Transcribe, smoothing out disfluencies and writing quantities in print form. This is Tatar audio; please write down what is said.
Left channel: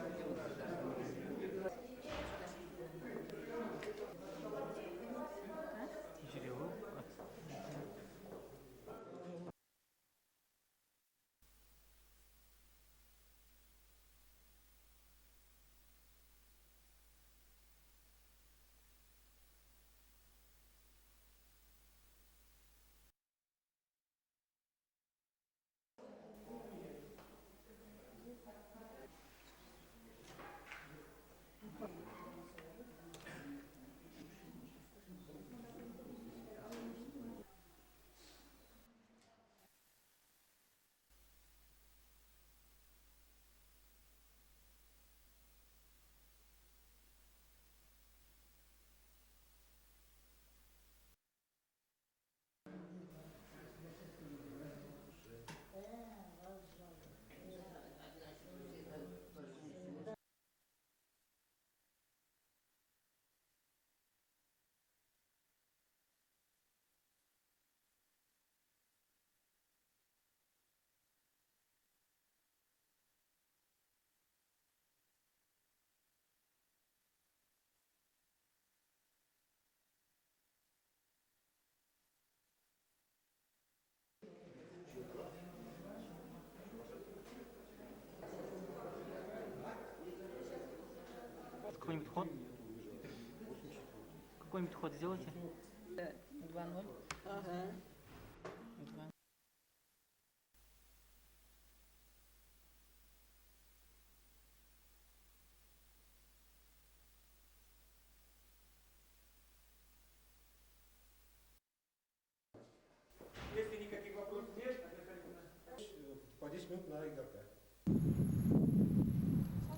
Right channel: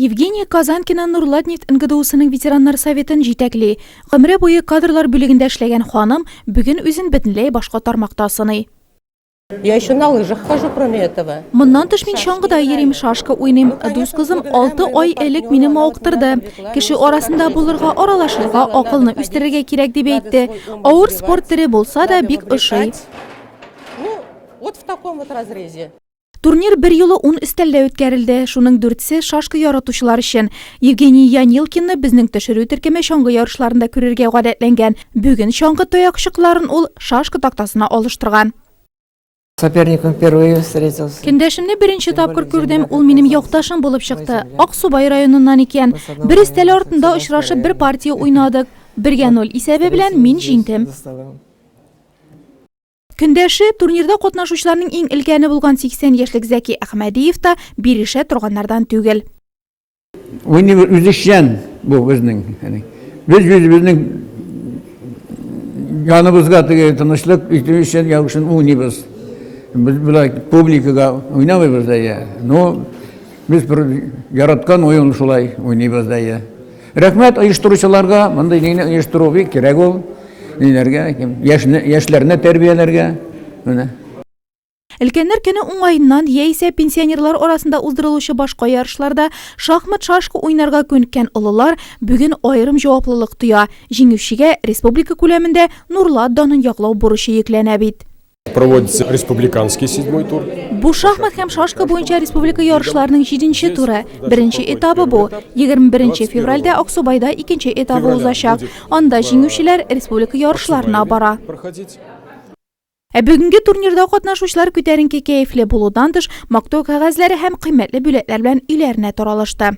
Евгений Казанкина Нурладнефть НГДУсының ветераннар советін жетәкли. Гомере буе кадрлар бүлегендә эшләгән ханым бүген үзен бөтенләй башка тармакта сыный. Я еще на лыжах хожу, кроме этого. Моннан тыш мин чаңгыда йөрим, шашка уйныйм. Дус кызым 6 ай элек мине мавыктырды. Кеше арасында булырга, аралашырга, акылны үстерергә кирәк дип әйтте. Авыр спорт төре булса да бик ошый. Ну, вот в таком вот разрезе. Турнир bir юлы 10 өстәлдә үткәрелде. Шуның 4се шашка яратучылар өчен. Евгений Янилкинны безнең төшерү төркеме чаңгы ярышларында күрергә гадәтләнгән. Бүген чаңгы таякчыкларын ул шашка тактасына алыштырган. Соперником впервые встретился. Кендәшемне беренче тапкыр күрдем, ул минем якташым булып чыкты. Аксубай районыннан икән. Бер өстәл артында очрашып бер партия уйнадык. 1-0 исәбе белән мин җиңдем. Көндәше турнирда катнашучыларның иң өлкәне булган 80 яшьлек Зәки Әхмәдиев та бирешә торганнардан түгел. Уйны үзешчән бу безнең, безнең яныбызга теге тынычлык өчен ягышын уйныбыз. Biz publikaga oynamıyoruz da ya. No, biz bir yaratkан oyun şulay oynayız da ya. Rahmet uyuşturucularga, bunda yine uyuşturucu kerek ol. Yaşlarına terbiyelerge. Өлкәннәр көне уңайыннан яисә пенсионерлар арасында уздырылучы башка ярышларда шахмат шашка уйнарга күнеккән олылар бүген аерым җаваплылык тоя. Җиңүчегә республика күләмендә Нурлат данын яклау бурычы йөкләнә бит. Проводится республиканский 7-й тур. Бу шахмат һәм шашка буенча республика ярышларының 7-нче туры. Беренче этабы бу. 21 февральдә Аксубайда икенче этабы узачак. Анда җиңүчеләр республика ярышларына бара. Бүгенге турнирда катнашучылар күтәренке кәефле булудан тыш мактау кәгазьләре һәм кыйммәтле бүләкләр белән өйләренә таралышты.